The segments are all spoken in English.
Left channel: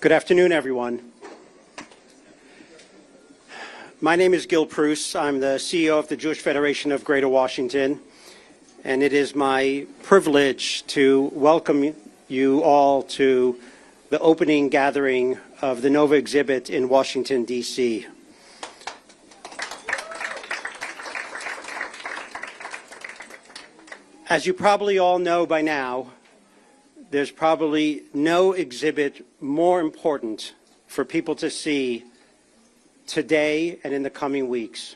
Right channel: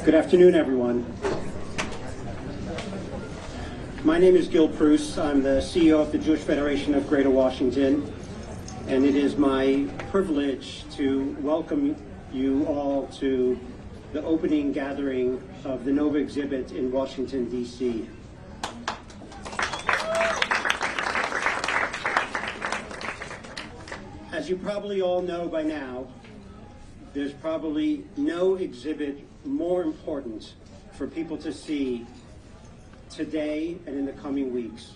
Good afternoon, everyone. My name is Gil Prus. I'm the CEO of the Jewish Federation of Greater Washington, and it is my privilege to welcome you all to the opening gathering of the Nova exhibit in Washington, D.C. As you probably all know by now, there's probably no exhibit more important for people to see today and in the coming weeks,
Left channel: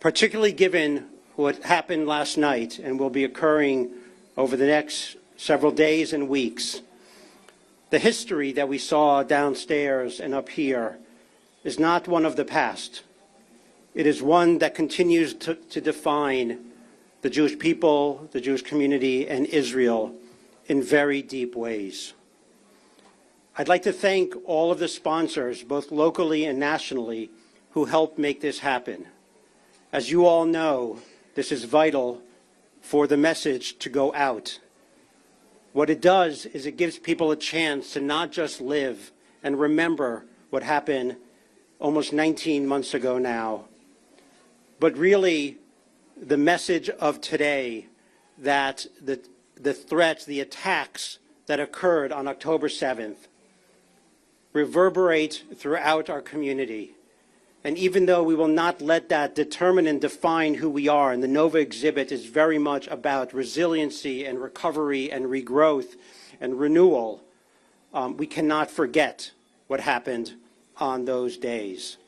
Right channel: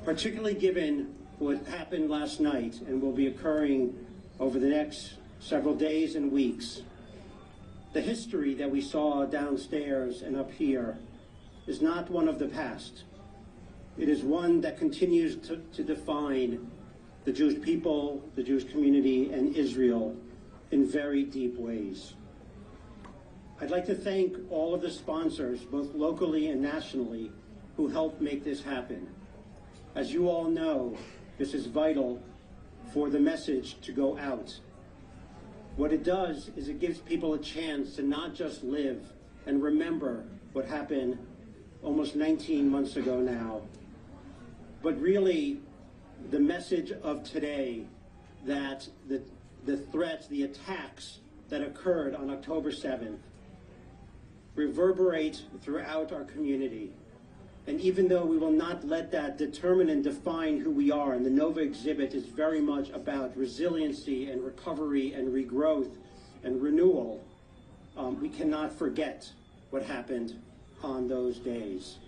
particularly given what happened last night and will be occurring over the next several days and weeks. The history that we saw downstairs and up here is not one of the past. It is one that continues to define the Jewish people, the Jewish community, and Israel in very deep ways. I'd like to thank all of the sponsors, both locally and nationally, who helped make this happen. As you all know, this is vital for the message to go out. What it does is it gives people a chance to not just live and remember what happened almost 19 months ago now, but really the message of today that the threats, the attacks that occurred on October 7th reverberate throughout our community. And even though we will not let that determine and define who we are, and the Nova exhibit is very much about resiliency and recovery and regrowth and renewal, we cannot forget what happened on those days.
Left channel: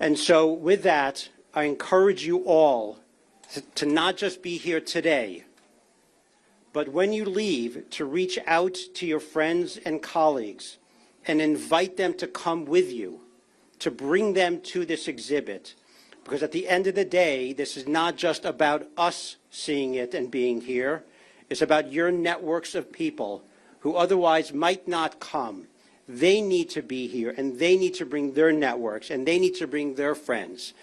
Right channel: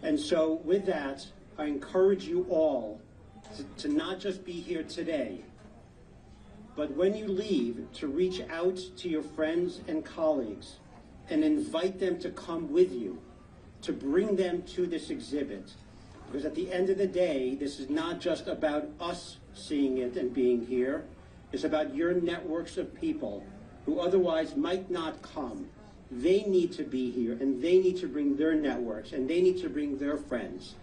And so with that, I encourage you all to not just be here today, but when you leave, to reach out to your friends and colleagues and invite them to come with you, to bring them to this exhibit. Because at the end of the day, this is not just about us seeing it and being here. It's about your networks of people who otherwise might not come. They need to be here, and they need to bring their networks, and they need to bring their friends.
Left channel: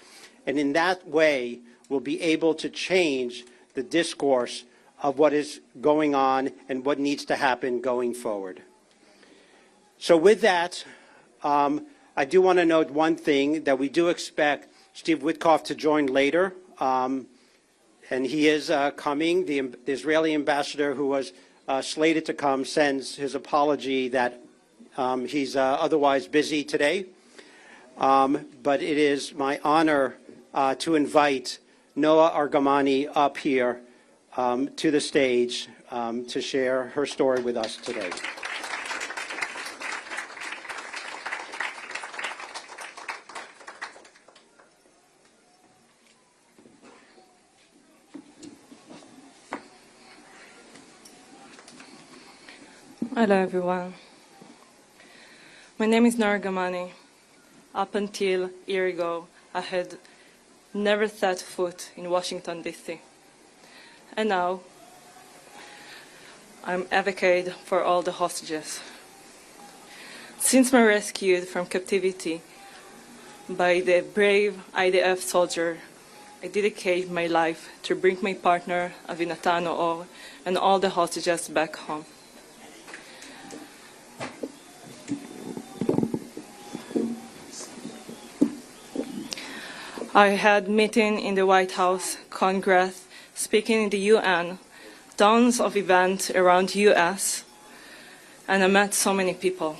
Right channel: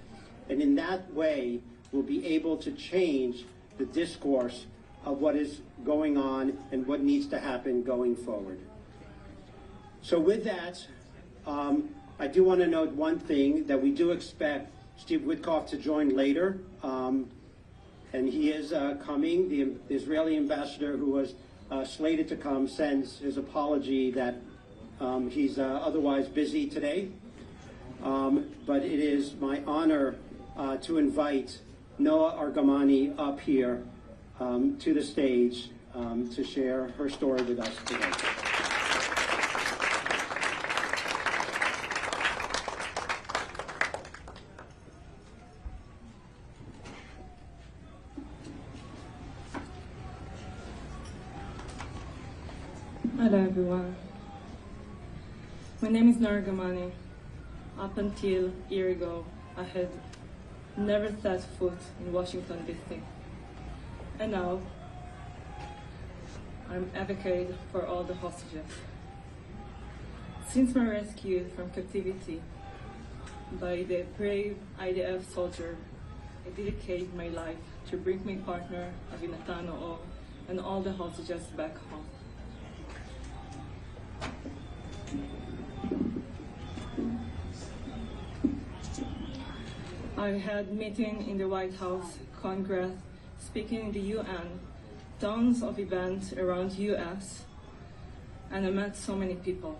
And in that way, we'll be able to change the discourse of what is going on and what needs to happen going forward. So with that, I do want to note one thing, that we do expect Steve Witkoff to join later, and he is coming. The Israeli ambassador, who was slated to come, sends his apology that he's otherwise busy today. But it is my honor to invite Noa Argamani up here to the stage to share her story with us today. Hello everyone. My name is Noa Argamani. Up until a year ago, I had never set foot in Washington, D.C. And now, I'm advocate for all the hostages. Since my rescue from captivity by the brave IDF soldier, I dedicate my life to bring my partner, Avinatan Noa, and all the hostages back home. I had meeting in the White House, Congress, speaking in the UN, tons of events around the US, and I met so many people.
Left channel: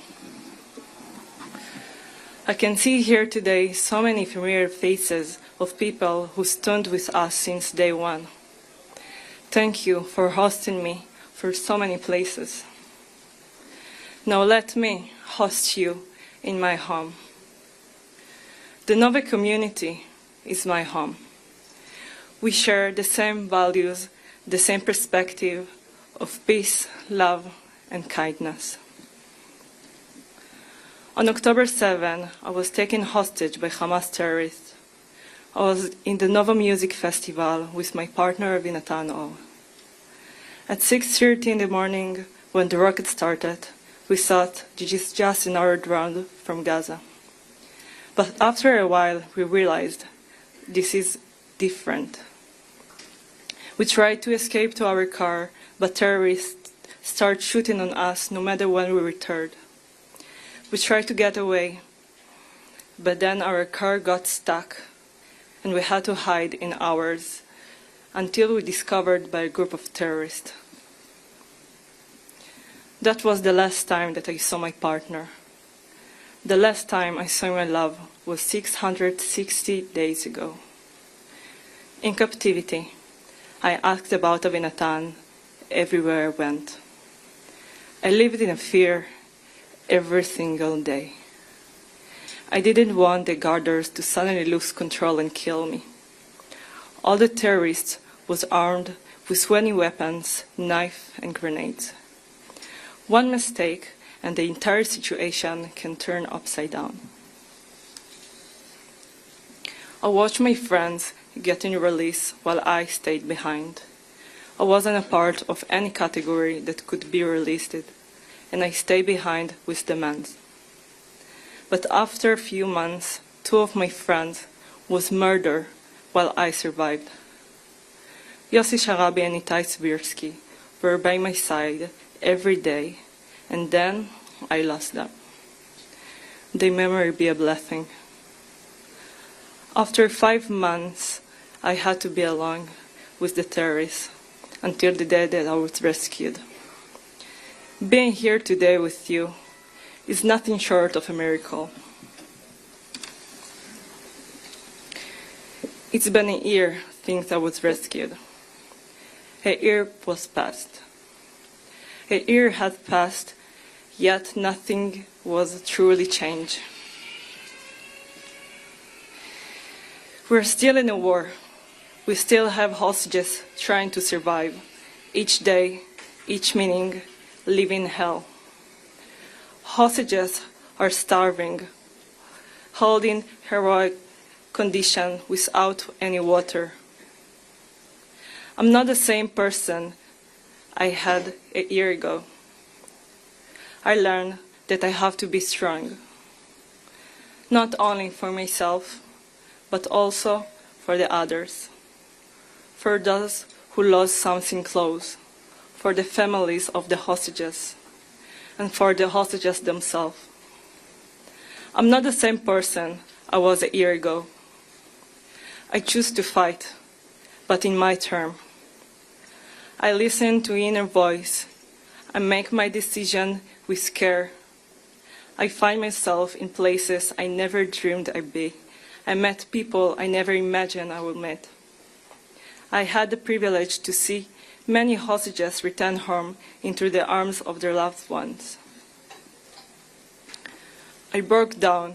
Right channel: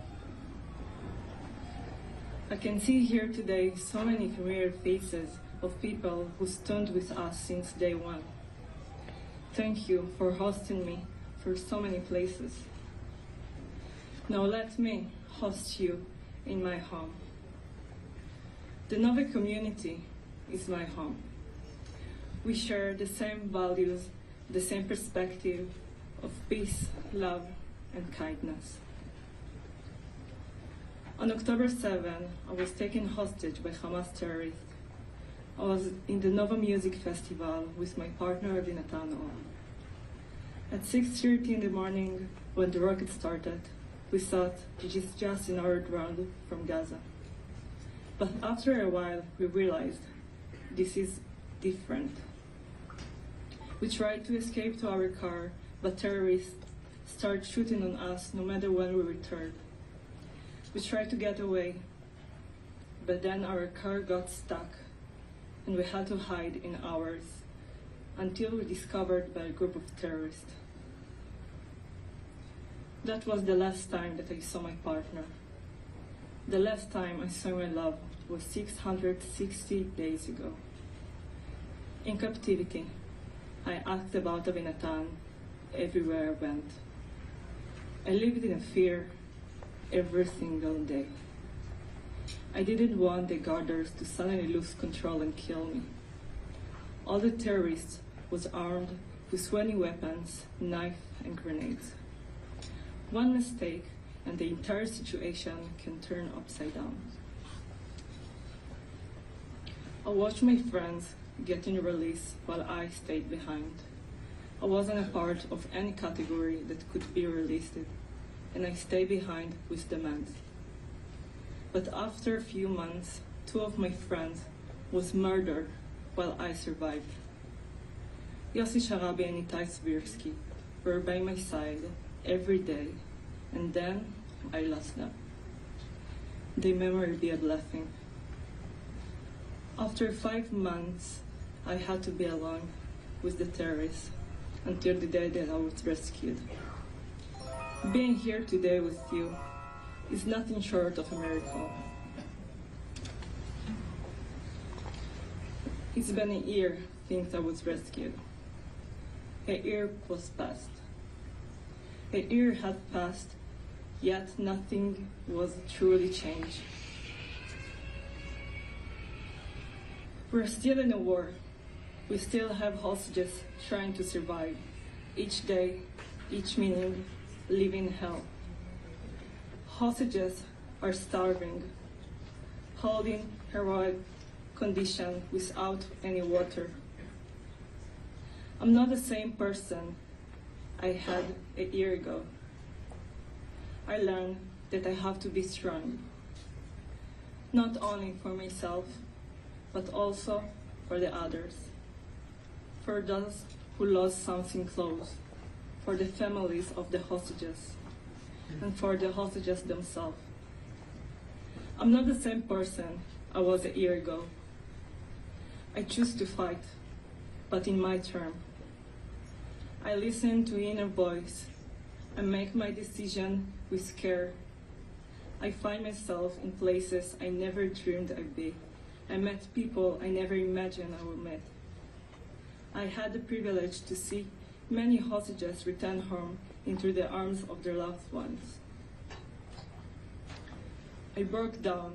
I can see here today so many familiar faces of people who stood with us since day one. Thank you for hosting me for so many places. Now let me host you in my home. The Nova community is my home. We share the same values, the same perspective of peace, love, and kindness. On October 7, I was taken hostage by Hamas terrorists. I was in the Nova Music Festival with my partner, Avinatan Noa. At 6:30 in the morning, when the rocket started, we thought this is just another drone from Gaza. But after a while, we realized this is different. We tried to escape to our car, but terrorists started shooting on us no matter when we returned. We tried to get away, but then our car got stuck and we had to hide in ours until we were discovered by a group of terrorists. That was the last time that I saw my partner. The last time I saw my love was 660 days ago. In captivity, I asked about Avinatan everywhere I went. I lived in a fear every single day. I didn't want the guarders to suddenly lose control and kill me. All the terrorists was armed with 20 weapons, knife, and grenades. One mistake and the entire situation can turn upside down. I watched my friends getting released while I stayed behind. I wasn't a part of any category that could be released, and I stayed behind with the men. But after a few months, 2 of my friends was murdered while I survived. Yossi Sharabi and Itai Svirsky were by my side every day, and then I lost them. Their memory be a blessing. After 5 months, I had to be alone with the terrorists until the day that I was rescued. Being here today with you is nothing short of a miracle. It's been a year since I was rescued. A year was past. A year had passed, yet nothing was truly changed. We're still in a war. We still have hostages trying to survive. Each day, each meaning, living hell. Hostages are starving, holding heroic condition without any water. I'm not the same person I had a year ago. I learned that I have to be strong, not only for myself, but also for the others, for those who lost something close, for the families of the hostages, and for the hostages themselves. I'm not the same person I was a year ago. I choose to fight, but in my term. I listen to inner voice. I make my decision with care. I find myself in places I never dreamed I'd be. I met people I never imagined I would meet. I had the privilege to see many hostages return home into the arms of their loved ones. I broke down,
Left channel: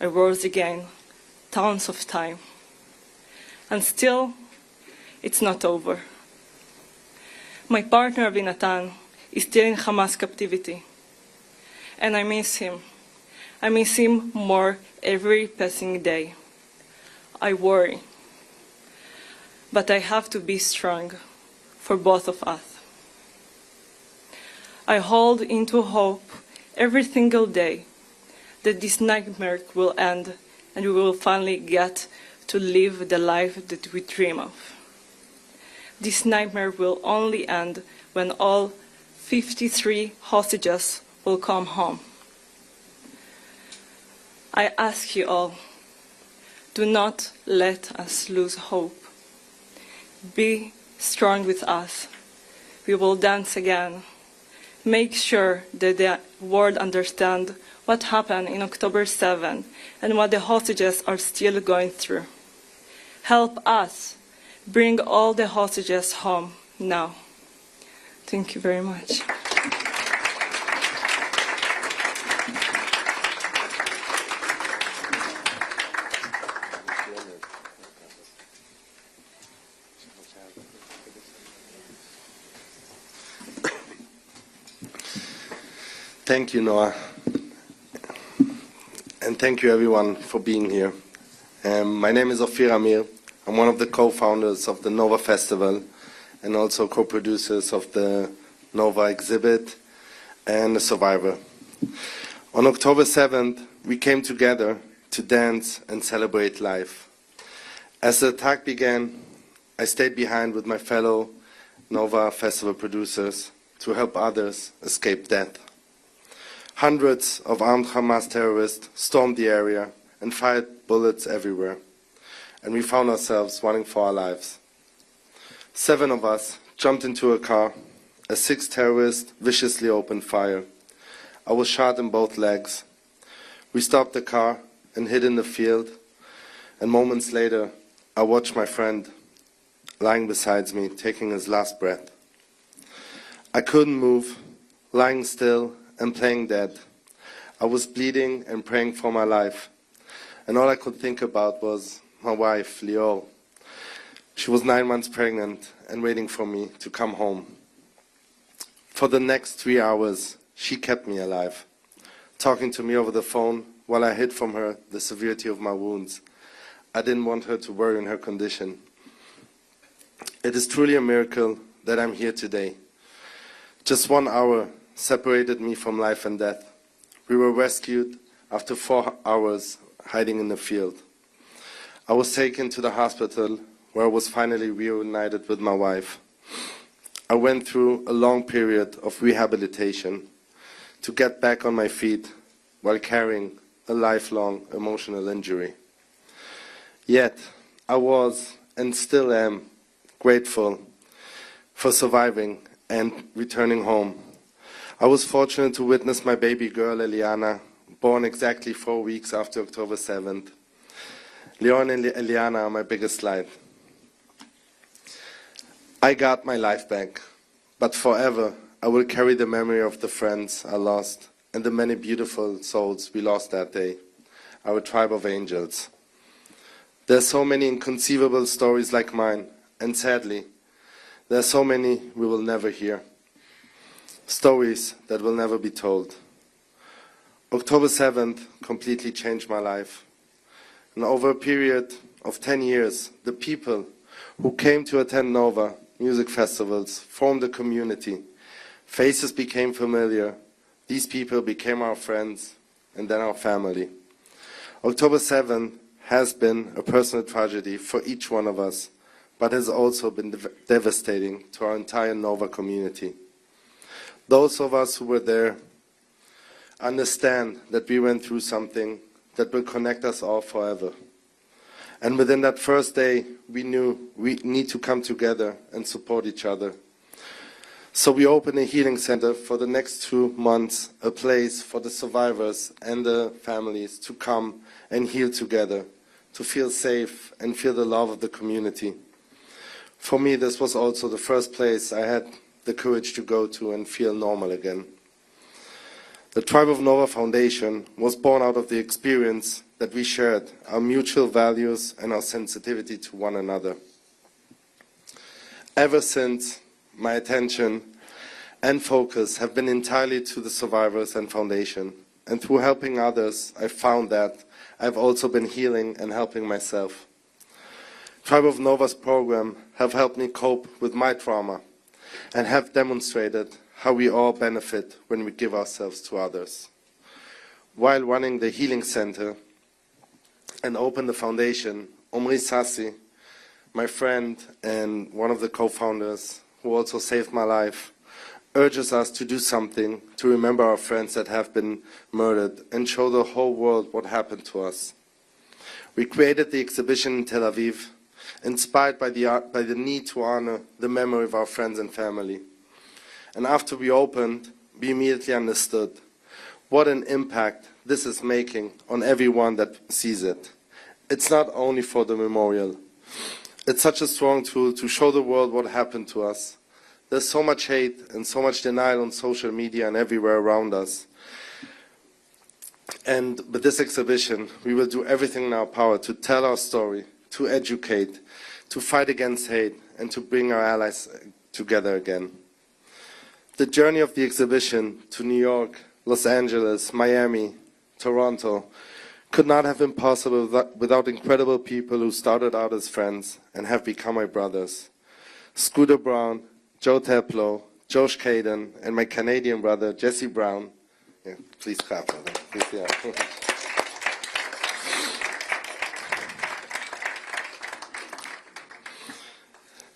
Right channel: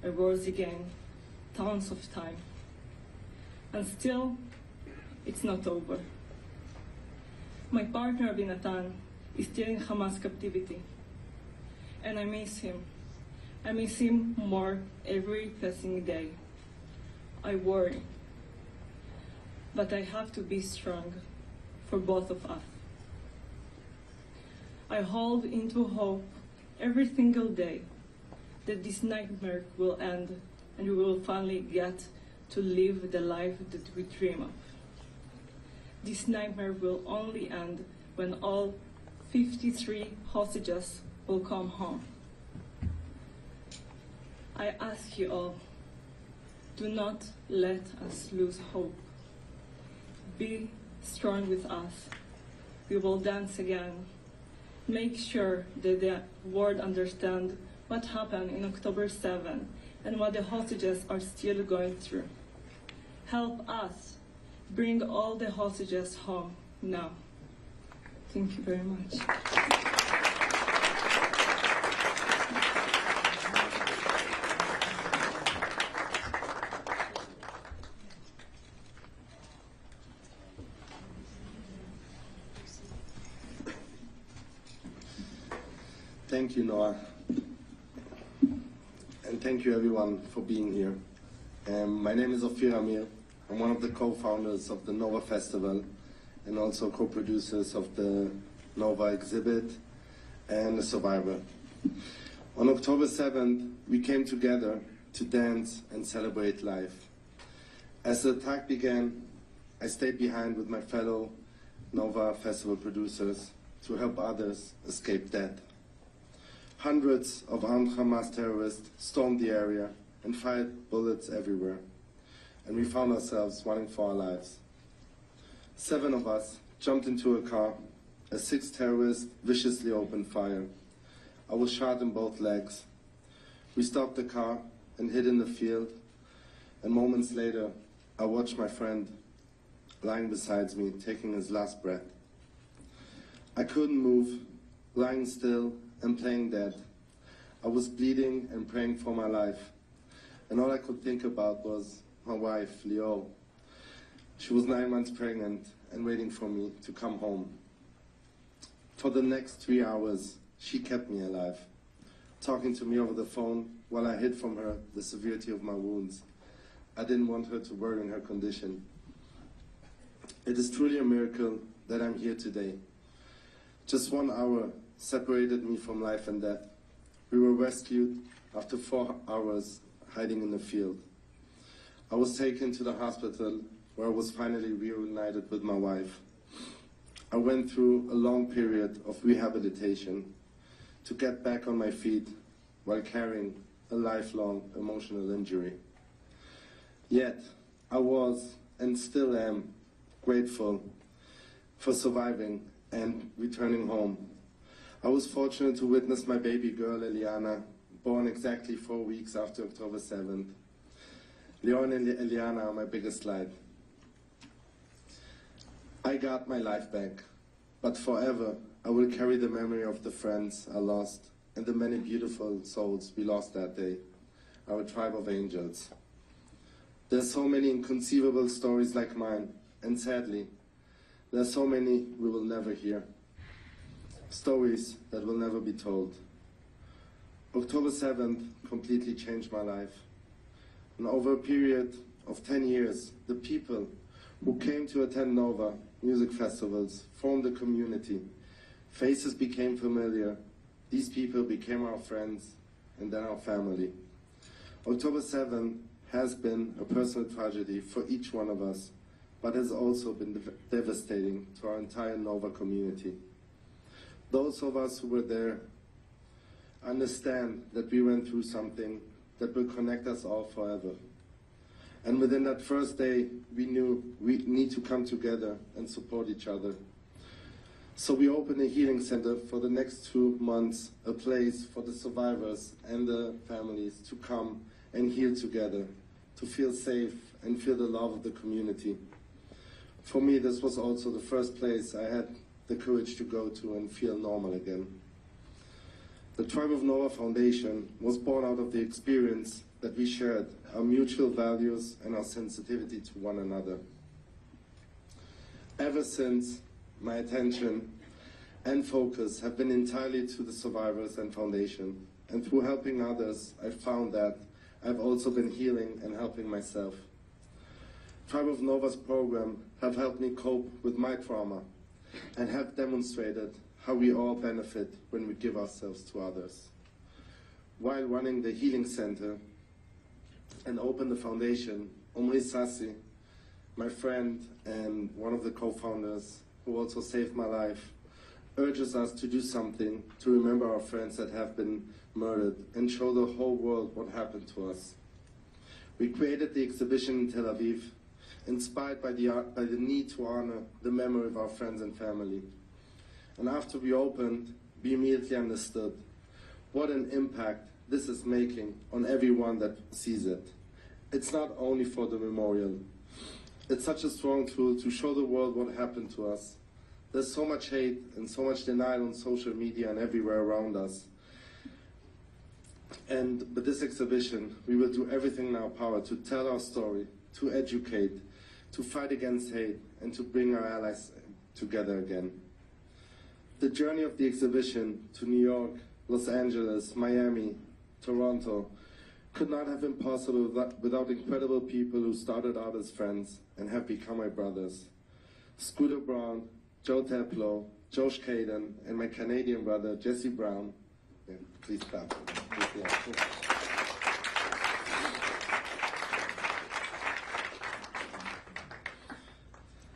I rose again, tons of time. And still, it's not over. My partner Avinatan is still in Hamas captivity, and I miss him. I miss him more every passing day. I worry, but I have to be strong for both of us. I hold into hope every single day that this nightmare will end and we will finally get to live the life that we dream of. This nightmare will only end when all 53 hostages will come home. I ask you all, do not let us lose hope. Be strong with us. We will dance again. Make sure that the world understands what happened in October 7 and what the hostages are still going through. Help us bring all the hostages home now. Thank you very much. Thank you, Noa. And thank you, everyone, for being here. My name is Ophir Amir. I'm one of the co-founders of the Nova Festival and also co-producers of the Nova exhibit and The Survivor. On October 7th, we came together to dance and celebrate life. As the attack began, I stayed behind with my fellow Nova Festival producers to help others escape death. Hundreds of armed Hamas terrorists stormed the area and fired bullets everywhere, and we found ourselves running for our lives. 7 of us jumped into a car as 6 terrorists viciously opened fire. I was shot in both legs. We stopped the car and hid in the field, and moments later, I watched my friend lying beside me, taking his last breath. I couldn't move, lying still and playing dead. I was bleeding and praying for my life, and all I could think about was my wife, Lior. She was 9 months pregnant and waiting for me to come home. For the next 3 hours, she kept me alive, talking to me over the phone while I hid from her the severity of my wounds. I didn't want her to worry in her condition. It is truly a miracle that I'm here today. Just 1 hour separated me from life and death. We were rescued after 4 hours hiding in the field. I was taken to the hospital where I was finally reunited with my wife. I went through a long period of rehabilitation to get back on my feet while carrying a lifelong emotional injury. Yet, I was and still am grateful for surviving and returning home. I was fortunate to witness my baby girl, Eliana, born exactly 4 weeks after October 7th. Leon and Eliana are my biggest light. I got my life back, but forever I will carry the memory of the friends I lost and the many beautiful souls we lost that day, our tribe of angels. There are so many inconceivable stories like mine, and sadly, there are so many we will never hear. Stories that will never be told. October 7th completely changed my life. And over a period of 10 years, the people who came to attend Nova music festivals formed a community. Faces became familiar. These people became our friends and then our family. October 7th has been a personal tragedy for each one of us, but has also been devastating to our entire Nova community. Those of us who were there understand that we went through something that will connect us all forever. And within that first day, we knew we need to come together and support each other. So we opened a healing center for the next 2 months, a place for the survivors and the families to come and heal together, to feel safe and feel the love of the community. For me, this was also the first place I had the courage to go to and feel normal again. The Tribe of Nova Foundation was born out of the experience that we shared, our mutual values and our sensitivity to one another. Ever since, my attention and focus have been entirely to the survivors and foundation. And through helping others, I found that I've also been healing and helping myself. Tribe of Nova's program have helped me cope with my trauma and have demonstrated how we all benefit when we give ourselves to others. While running the Healing Center and opened the foundation, Omri Sassi, my friend and one of the co-founders who also saved my life, urges us to do something to remember our friends that have been murdered and show the whole world what happened to us. We created the exhibition in Tel Aviv, inspired by the need to honor the memory of our friends and family. And after we opened, we immediately understood what an impact this is making on everyone that sees it. It's not only for the memorial. It's such a strong tool to show the world what happened to us. There's so much hate and so much denial on social media and everywhere around us. And with this exhibition, we will do everything in our power to tell our story, to educate, to fight against hate, and to bring our allies together again. The journey of the exhibition to New York, Los Angeles, Miami, Toronto could not have been possible without incredible people who started out as friends and have become my brothers. Scooter Brown, Joe Teplo, Josh Caden, and my Canadian brother, Jesse Brown. Yeah, please clap, brother. Please, yeah.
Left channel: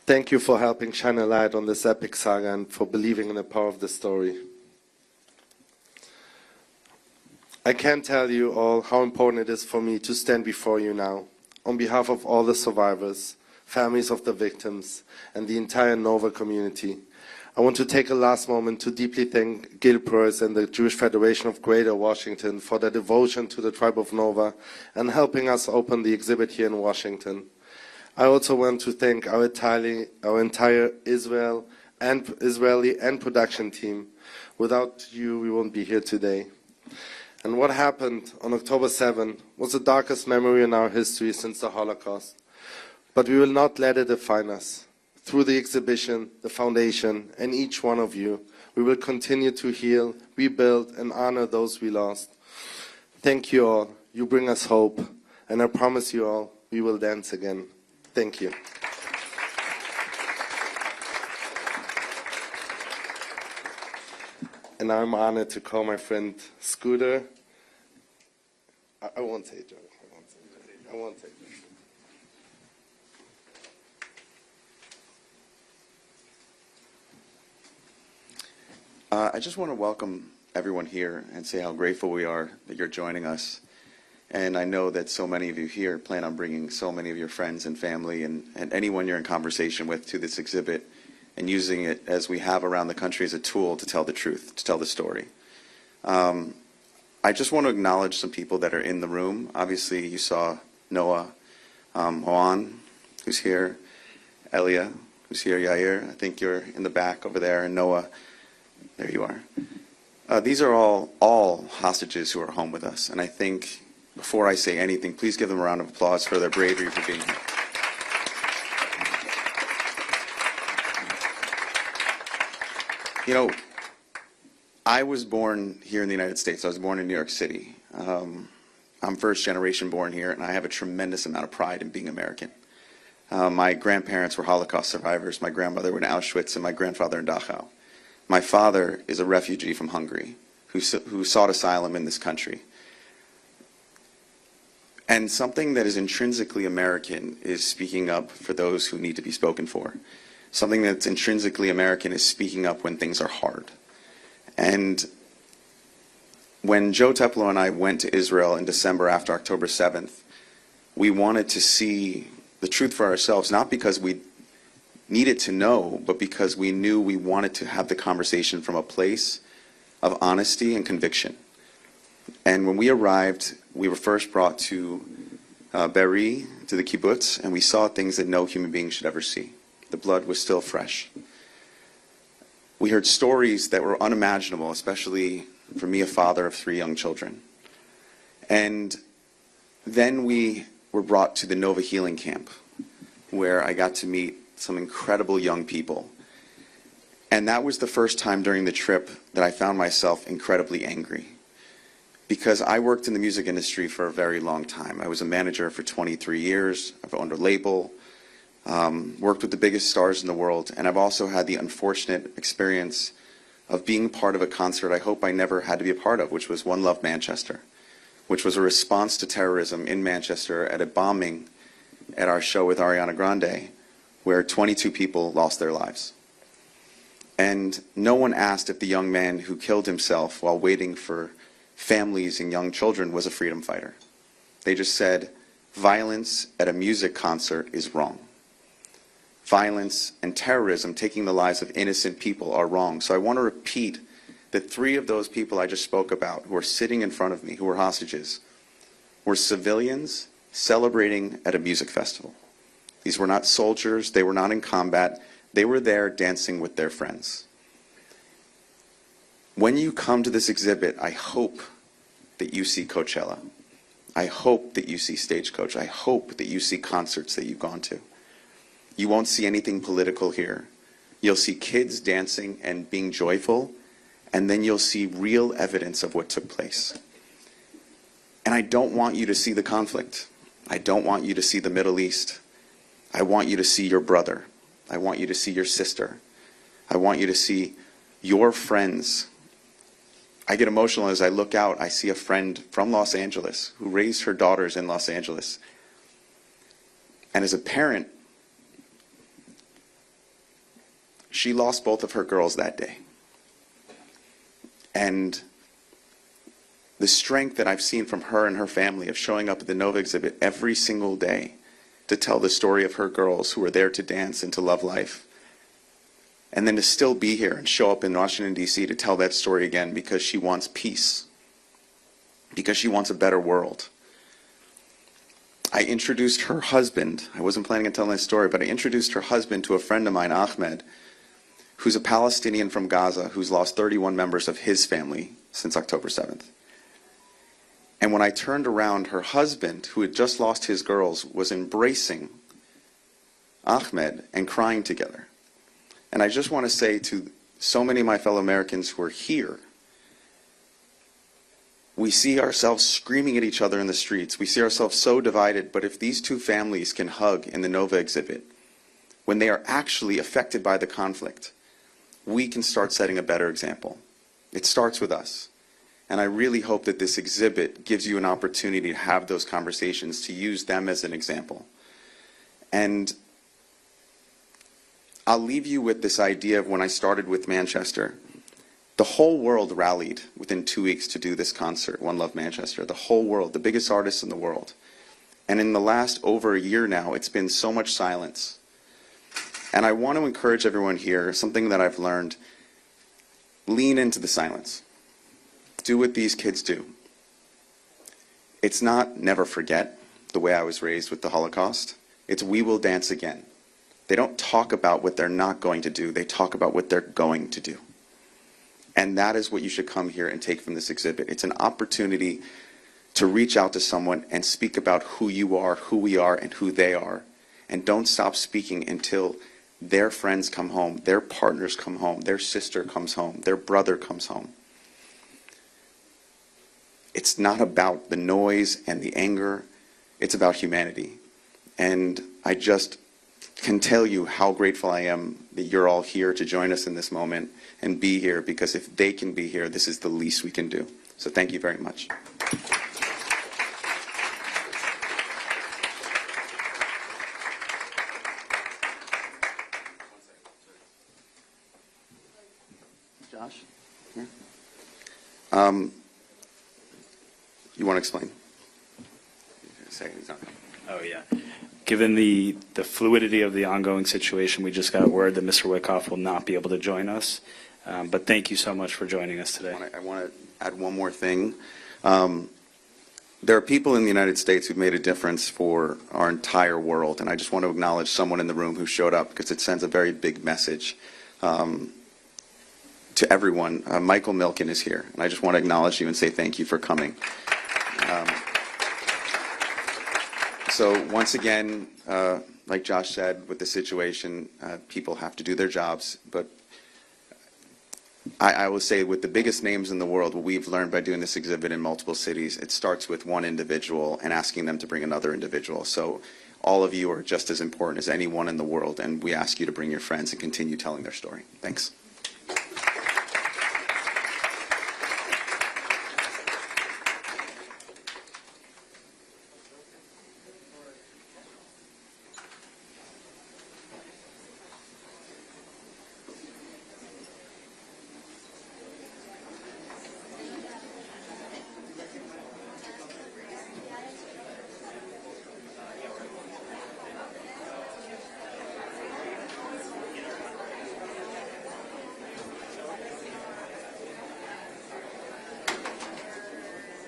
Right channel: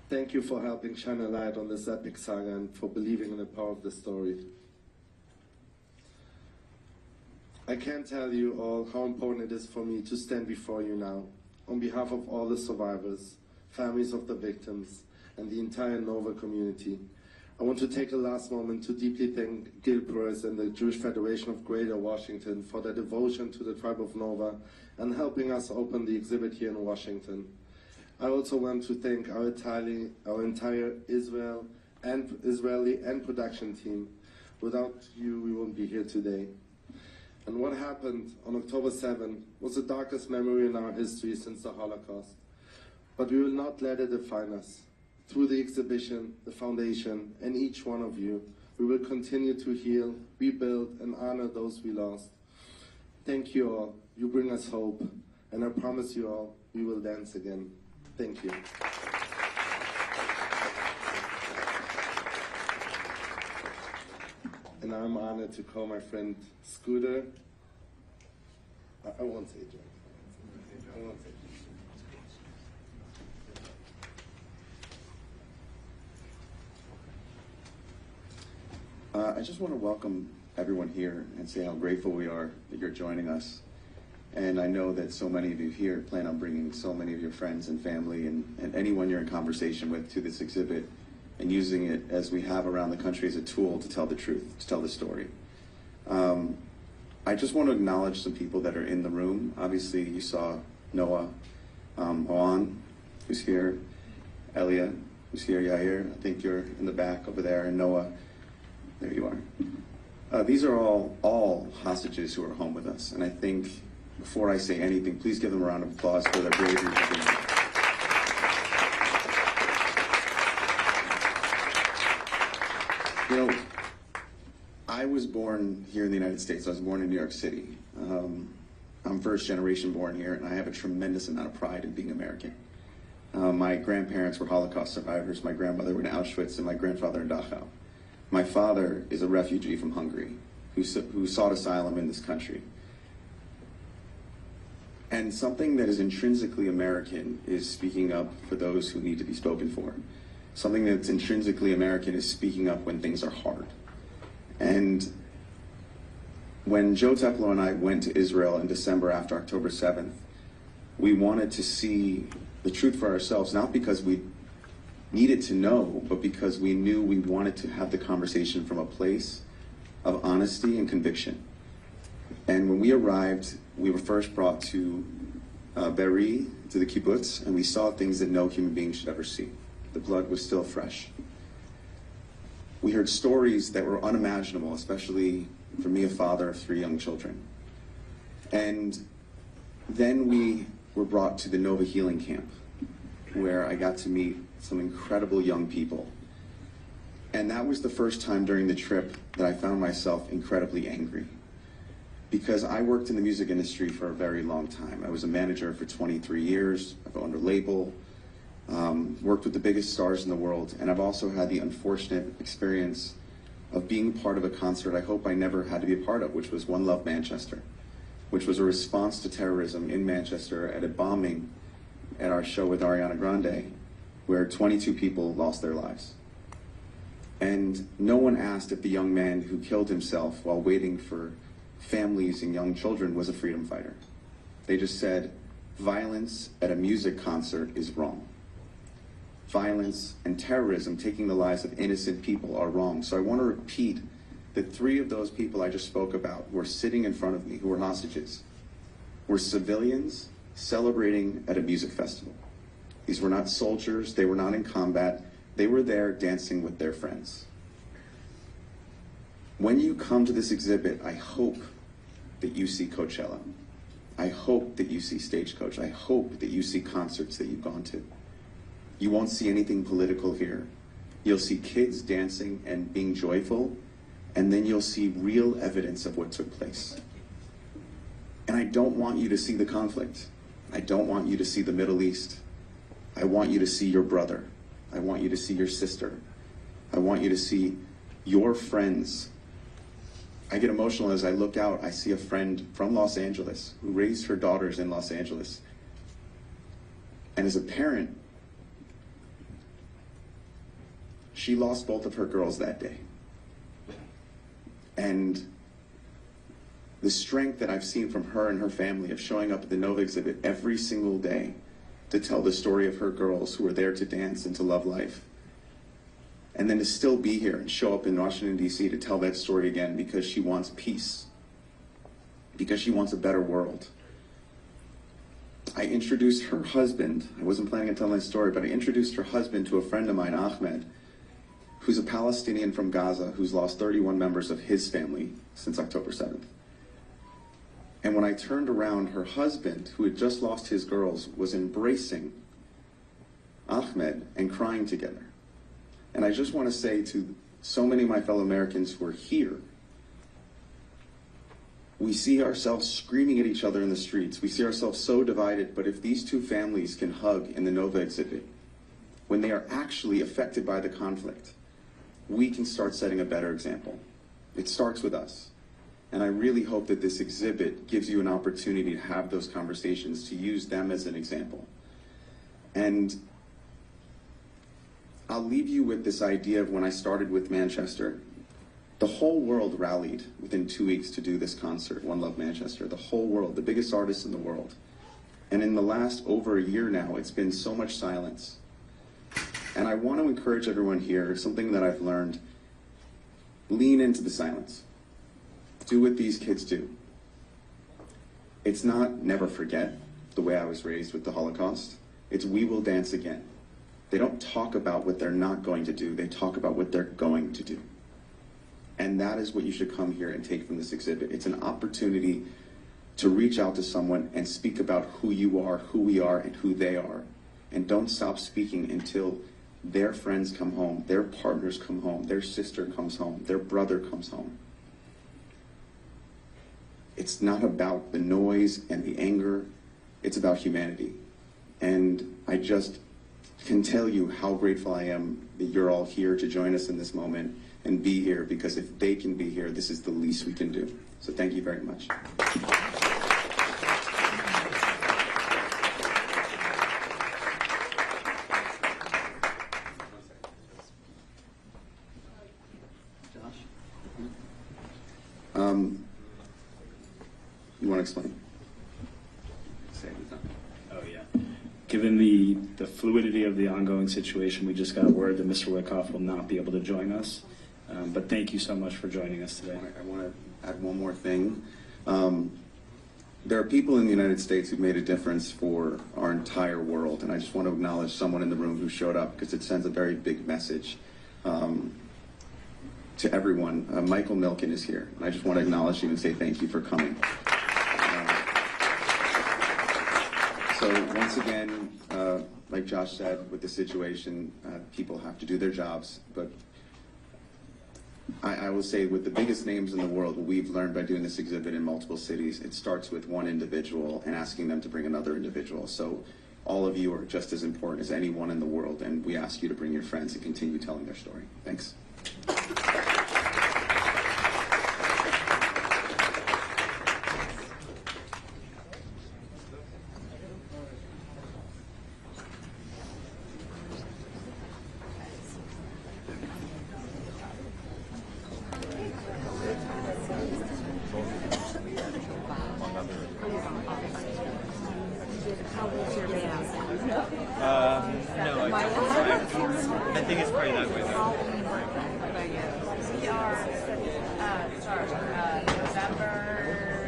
Thank you for helping shine a light on this epic saga and for believing in the power of the story. I can't tell you all how important it is for me to stand before you now, on behalf of all the survivors, families of the victims, and the entire Nova community. I want to take a last moment to deeply thank Gil Perez and the Jewish Federation of Greater Washington for their devotion to the tribe of Nova and helping us open the exhibit here in Washington. I also want to thank our entire Israeli and production team. Without you, we won't be here today. And what happened on October 7 was the darkest memory in our history since the Holocaust. But we will not let it define us. Through the exhibition, the foundation, and each one of you, we will continue to heal, rebuild, and honor those we lost. Thank you all. You bring us hope. And I promise you all, we will dance again. Thank you. And I'm honored to call my friend Scooter. I won't say Joe. I won't say. I just want to welcome everyone here and say how grateful we are that you're joining us. And I know that so many of you here plan on bringing so many of your friends and family and anyone you're in conversation with to this exhibit and using it, as we have around the country, as a tool to tell the truth, to tell the story. I just want to acknowledge some people that are in the room. Obviously, you saw Noa Argamani, who's here, Elia, who's here, Yair, I think you're in the back over there, and Noah, there you are. These are all hostages who are home with us, and I think before I say anything, please give them a round of applause for their bravery for being here. You know, I was born here in the United States. I was born in New York City. I'm first generation born here, and I have a tremendous amount of pride in being American. My grandparents were Holocaust survivors. My grandmother went to Auschwitz, and my grandfather in Dachau. My father is a refugee from Hungary who sought asylum in this country. And something that is intrinsically American is speaking up for those who need to be spoken for. Something that's intrinsically American is speaking up when things are hard. And when Joe Teplo and I went to Israel in December after October 7th, we wanted to see the truth for ourselves, not because we needed to know, but because we knew we wanted to have the conversation from a place of honesty and conviction. And when we arrived, we were first brought to Be'eri, to the kibbutz, and we saw things that no human being should ever see. The blood was still fresh. We heard stories that were unimaginable, especially for me, a father of 3 young children. And then we were brought to the Nova Healing Camp, where I got to meet some incredible young people. And that was the first time during the trip that I found myself incredibly angry. Because I worked in the music industry for a very long time. I was a manager for 23 years. I've owned a label, worked with the biggest stars in the world, and I've also had the unfortunate experience of being part of a concert I hope I never had to be a part of, which was One Love Manchester, which was a response to terrorism in Manchester at a bombing at our show with Ariana Grande, where 22 people lost their lives. And no one asked if the young man who killed himself while waiting for families and young children was a freedom fighter. They just said, violence at a music concert is wrong. Violence and terrorism, taking the lives of innocent people, are wrong. So I want to repeat that 3 of those people I just spoke about, who are sitting in front of me, who were hostages, were civilians celebrating at a music festival. These were not soldiers, they were not in combat, they were there dancing with their friends. When you come to this exhibit, I hope that you see Coachella. I hope that you see Stagecoach. I hope that you see concerts that you've gone to. You won't see anything political here. You'll see kids dancing and being joyful, and then you'll see real evidence of what took place. And I don't want you to see the conflict. I don't want you to see the Middle East. I want you to see your brother. I want you to see your sister. I want you to see your friends. I get emotional as I look out. I see a friend from Los Angeles who raised her daughters in Los Angeles. And as a parent, she lost both of her girls that day. And the strength that I've seen from her and her family of showing up at the Nova exhibit every single day to tell the story of her girls who were there to dance and to love life. And then to still be here and show up in Washington, D.C. to tell that story again because she wants peace, because she wants a better world. I introduced her husband, I wasn't planning on telling this story, but I introduced her husband to a friend of mine, Ahmed, who's a Palestinian from Gaza who's lost 31 members of his family since October 7th. And when I turned around, her husband, who had just lost his girls, was embracing Ahmed and crying together. And I just want to say to so many of my fellow Americans who are here, we see ourselves screaming at each other in the streets. We see ourselves so divided, but if these two families can hug in the Nova exhibit, when they are actually affected by the conflict, we can start setting a better example. It starts with us. And I really hope that this exhibit gives you an opportunity to have those conversations, to use them as an example. And I'll leave you with this idea of when I started with Manchester. The whole world rallied within 2 weeks to do this concert, One Love Manchester. The whole world, the biggest artists in the world. And in the last over a year now, it's been so much silence. And I want to encourage everyone here, something that I've learned, lean into the silence. Do what these kids do. It's not never forget, the way I was raised with the Holocaust. It's we will dance again. They don't talk about what they're not going to do. They talk about what they're going to do. And that is what you should come here and take from this exhibit. It's an opportunity to reach out to someone and speak about who you are, who we are, and who they are. And don't stop speaking until their friends come home, their partners come home, their sister comes home, their brother comes home. It's not about the noise and the anger. It's about humanity. And I just can tell you how grateful I am that you're all here to join us in this moment and be here, because if they can be here, this is the least we can do. So thank you very much. Josh? You want to explain? Say something. Oh, yeah. Given the fluidity of the ongoing situation, we just got word that Mr. Wyckoff will not be able to join us. But thank you so much for joining us today. I want to add one more thing. There are people in the United States who've made a difference for our entire world, and I just want to acknowledge someone in the room who showed up because it sends a very big message to everyone. Michael Milken is here, and I just want to acknowledge you and say thank you for coming. So once again, like Josh said, with the situation, people have to do their jobs, but I will say with the biggest names in the world, what we've learned by doing this exhibit in multiple cities, it starts with one individual and asking them to bring another individual. So all of you are just as important as anyone in the world, and we ask you to bring your friends and continue telling their story. Thanks.